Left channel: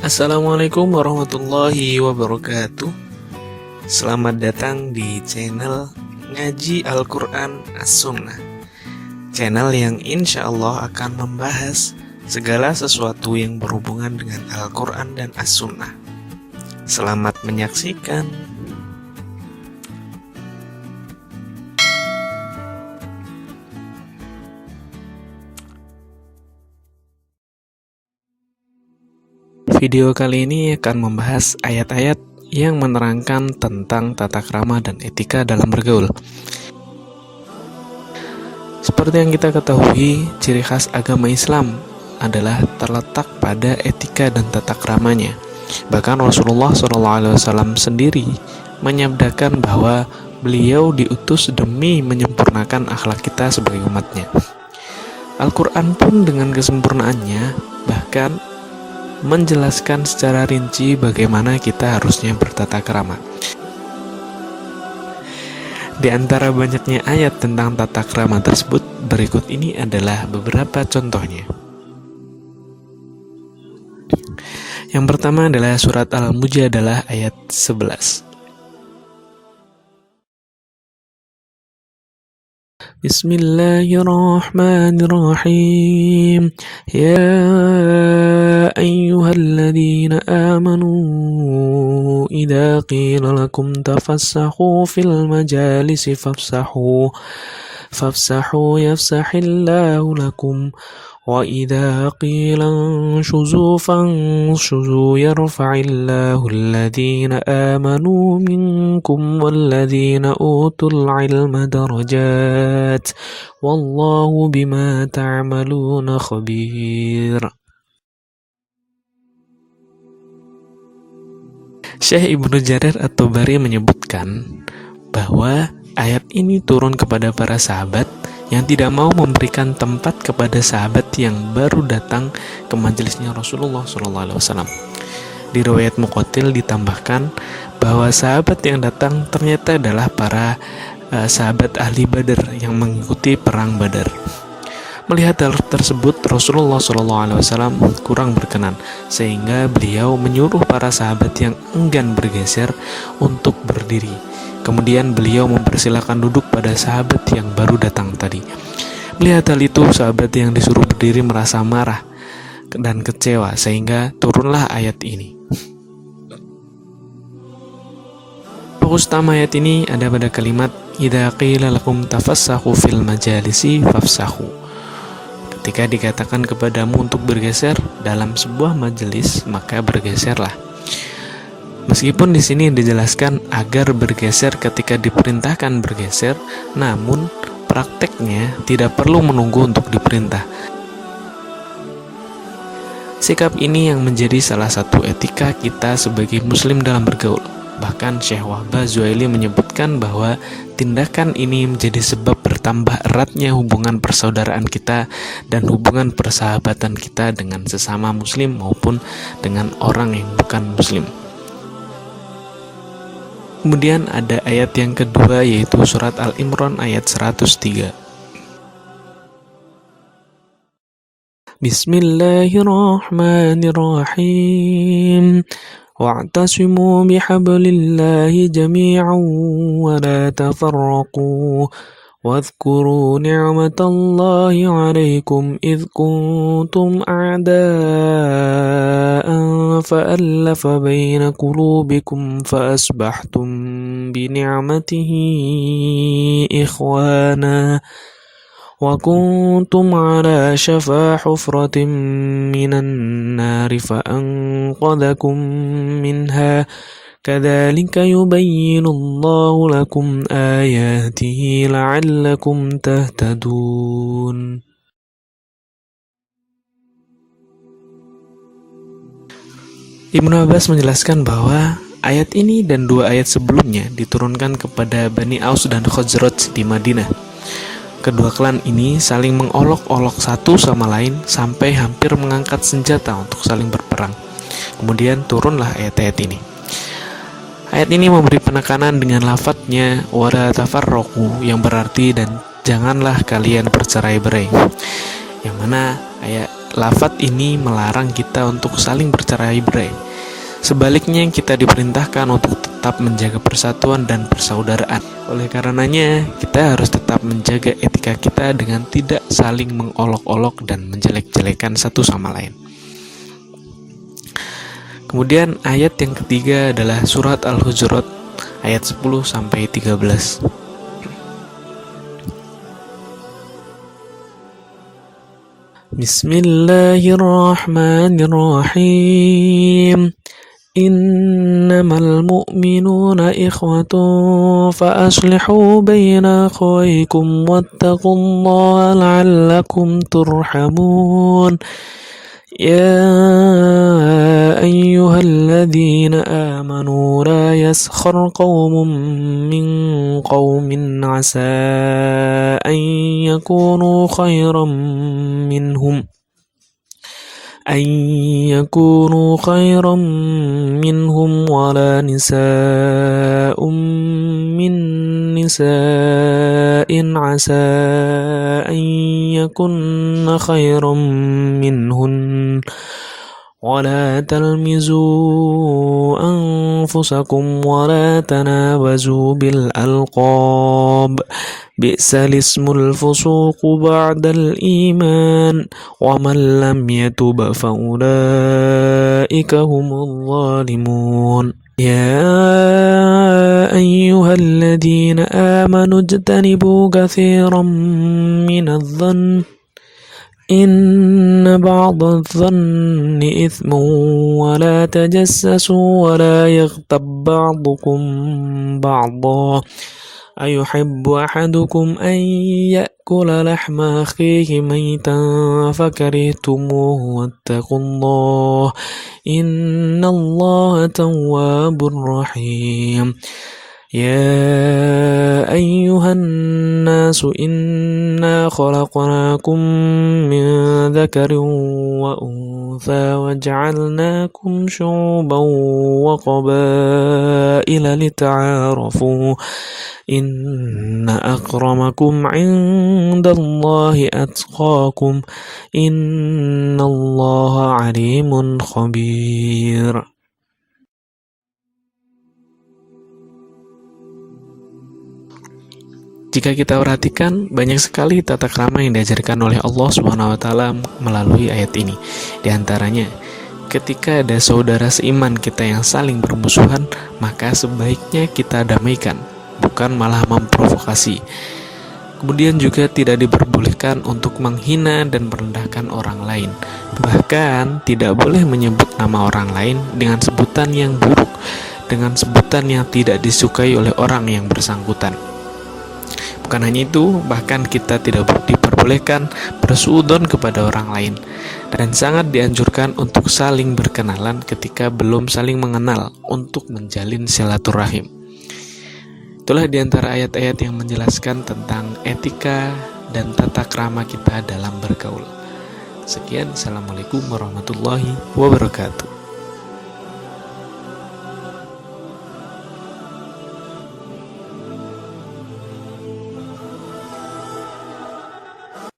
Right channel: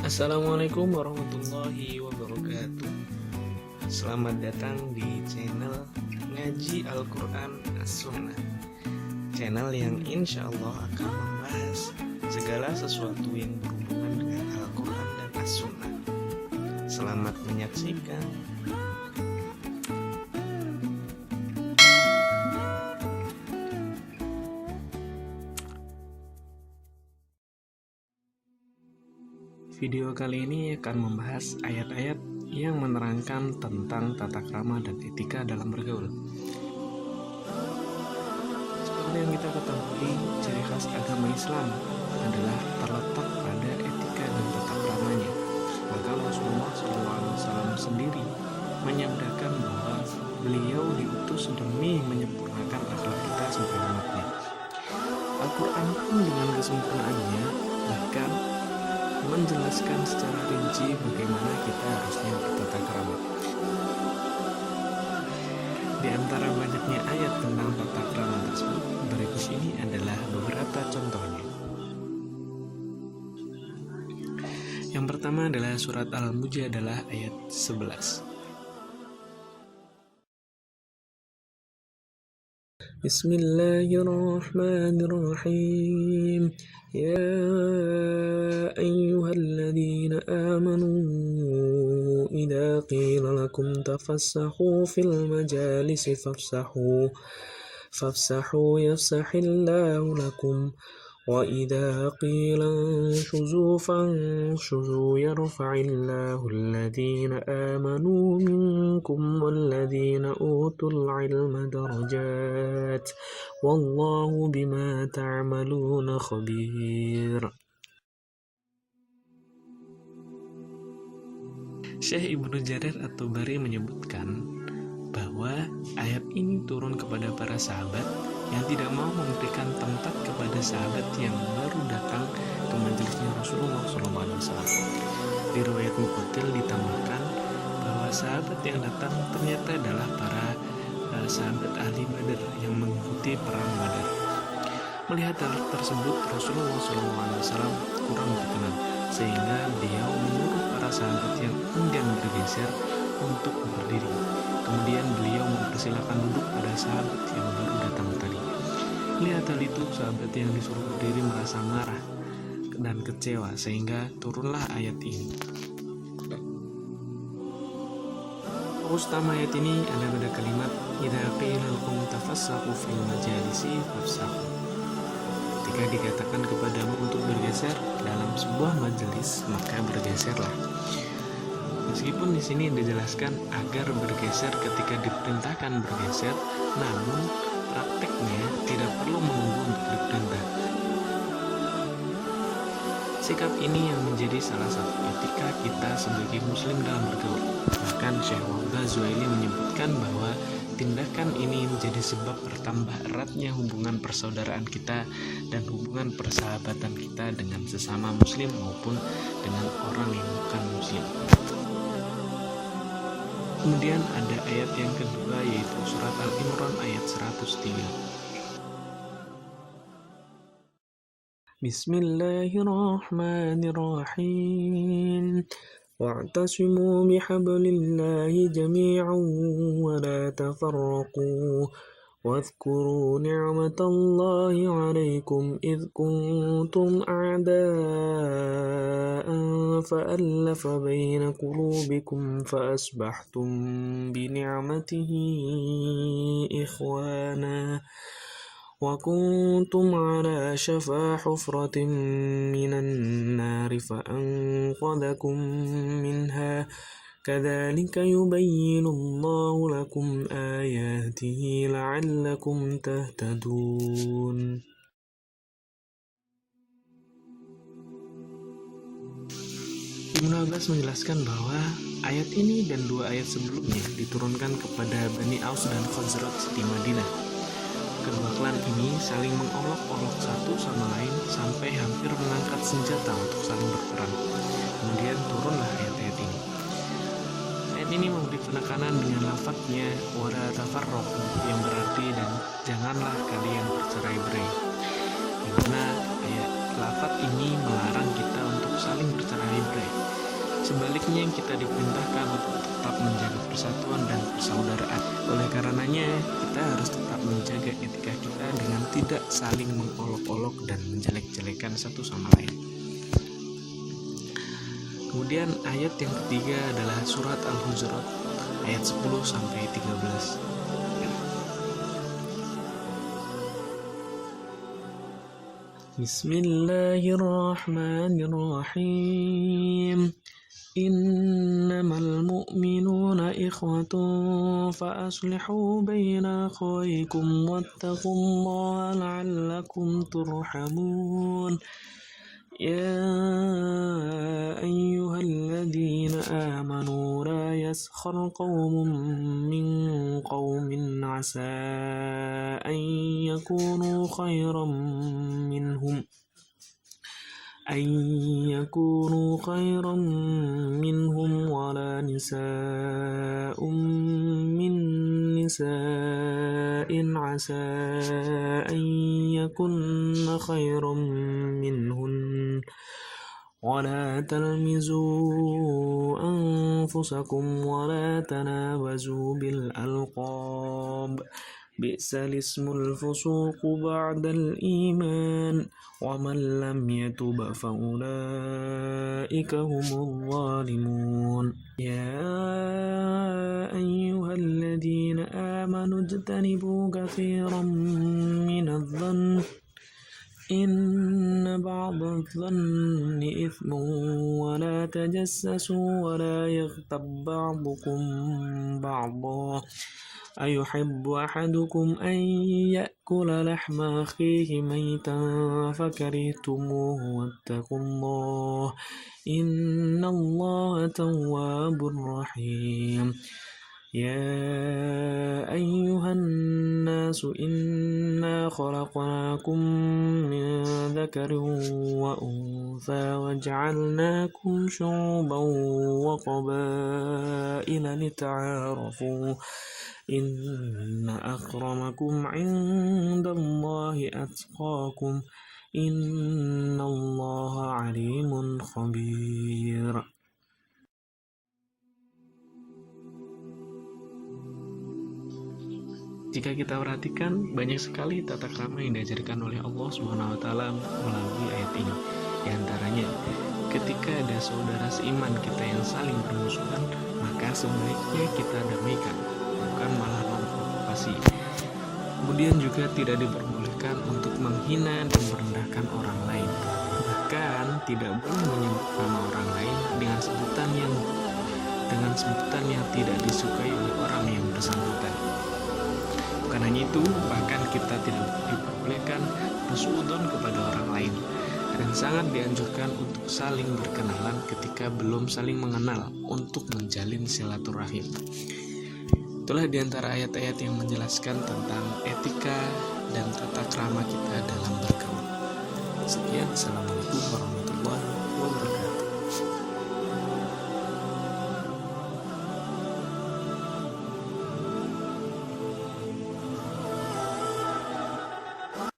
Assalamualaikum warahmatullahi wabarakatuh. Selamat datang di channel Ngaji Al-Quran As-Sunnah, channel yang insya Allah akan membahas segala sesuatu yang berhubungan dengan Al-Quran dan As-Sunnah. Selamat menyaksikan. Video kali ini akan membahas ayat-ayat yang menerangkan tentang tata krama dan etika dalam bergaul. Seperti yang kita ketahui, ciri khas agama Islam adalah terletak pada etika dan tata kramanya. Bahkan Rasulullah SAW sendiri menyabdakan bahwa beliau diutus demi menyempurnakan akhlak kita sebagai umatnya. Al-Quran pun dengan kesempurnaannya bahkan menjelaskan secara rinci bagaimana kita harusnya bertata krama. Di antara banyaknya ayat tentang tata krama tersebut, berikut ini adalah beberapa contohnya. Yang pertama adalah surat Al-Mujadalah ayat 11. Bismillahirrahmanirrahim. Ya ayyuhalladzina amanu idza qila lakum tafassahu fil majalisi fafsahu yafsahillahu lakum wa idza qila anshuzu fanshuzu yarfa'illahu alladzina amanu minkum walladzina utul ilma darajat wallahu bima ta'maluna khabir. Syekh Ibnu Jarir At-Tabari menyebutkan bahwa ayat ini turun kepada para sahabat yang tidak mau memberikan tempat kepada sahabat yang baru datang ke majelisnya Rasulullah SAW. Di riwayat Muqatil ditambahkan bahwa sahabat yang datang ternyata adalah para sahabat ahli Badar yang mengikuti perang Badar. Melihat hal tersebut, Rasulullah SAW kurang berkenan, sehingga beliau menyuruh para sahabat yang enggan bergeser untuk berdiri. Kemudian beliau mempersilakan duduk pada sahabat yang baru datang tadi. Melihat hal itu, sahabat yang disuruh berdiri merasa marah dan kecewa, sehingga turunlah ayat ini. Fokus utama ayat ini ada pada kalimat idza qila lakum tafassahu fil majalisi fafsahu. Ketika dikatakan kepadamu untuk bergeser dalam sebuah majelis, maka bergeserlah. Meskipun di sini dijelaskan agar bergeser ketika diperintahkan bergeser, namun prakteknya tidak perlu menunggu untuk diperintah. Sikap ini yang menjadi salah satu etika kita sebagai muslim dalam bergaul. Bahkan Syekh Wahbah Zuhaili menyebutkan bahwa tindakan ini menjadi sebab bertambah eratnya hubungan persaudaraan kita dan hubungan persahabatan kita dengan sesama muslim maupun dengan orang yang bukan muslim. Kemudian ada ayat yang kedua, yaitu surat Al-Imran ayat 103. Bismillahirrahmanirrahim. Wa'tasimu bihablillahi jami'an wa la tafarraqu. واذكروا نعمة الله عليكم إذ كنتم أعداء فألف بين قلوبكم فأصبحتم بنعمته إخوانا وكنتم على شفا حفرة من النار فأنقذكم منها كذلك يبين الله لكم آياته لعلكم تهتدون. Ibnu Abbas menjelaskan bahwa ayat ini dan dua ayat sebelumnya diturunkan kepada Bani Aus dan Khazraj di Madinah. Kedua klan ini saling mengolok-olok satu sama lain sampai hampir mengangkat senjata untuk saling berperang. Kemudian turunlah ayat-ayat ini. Ayat ini memberi penekanan dengan lafadznya wala tafarraqu, yang berarti dan janganlah kalian bercerai-berai. yang mana ayat lafaz ini melarang kita untuk saling bercerai-berai. Sebaliknya kita diperintahkan untuk tetap menjaga persatuan dan persaudaraan. Oleh karenanya, kita harus tetap menjaga etika kita dengan tidak saling mengolok-olok dan menjelek-jelekan satu sama lain. Kemudian ayat yang ketiga adalah surat Al-Hujurat ayat 10-13. Bismillahirrahmanirrahim. Innamal mu'minuna ikhwatun fa aslihu baina akhawaykum wattaqullaha la'allakum turhamun. Ya ayyuhalladzina amanu la yaskhar qaumun min qaumin asa an yakunu khairan minhum wala nisa'un min nisa'in asa an yakunna khairan minhun wala talmizu anfusakum wala tanabazu bil alqab bi'sal ismul fusuqu ba'dal iman wa man lam yatub fa ulaika humul zalimun. Ya ayyuhalladzina amanu ijtanibu katsiran minadh-dhanni inna ba'dadh-dhanni ithmun wa la tajassasu wa la yaghtab ba'dukum ba'dha ayuhibbu ahadukum an ya'kula lahma akhihi maytan fakarihtumuhu wattaqullaha innallaha tawwabur rahim. Ya ayyuhan nasu inna khalaqnakum min dhakarin wa untha wa ja'alnakum syu'uban wa qabaila lita'arafu inna akramakum indallahi atqakum innallaha alimun khabir. Jika kita perhatikan, banyak sekali tata krama yang diajarkan oleh Allah SWT melalui ayat ini. Di antaranya, ketika ada saudara seiman kita yang saling bermusuhan, maka sebaiknya kita damaikan, bukan malah memprovokasi. Kemudian juga tidak diperbolehkan untuk menghina dan merendahkan orang lain. Bahkan tidak boleh menyebut nama orang lain dengan sebutan yang buruk, dengan sebutan yang tidak disukai oleh orang yang bersangkutan. Bukan hanya itu, bahkan kita tidak diperbolehkan bersuudzon kepada orang lain, dan sangat dianjurkan untuk saling berkenalan ketika belum saling mengenal untuk menjalin silaturahim. Itulah diantara ayat-ayat yang menjelaskan tentang etika dan tata krama kita dalam bergaul. Sekian, Assalamualaikum warahmatullahi wabarakatuh.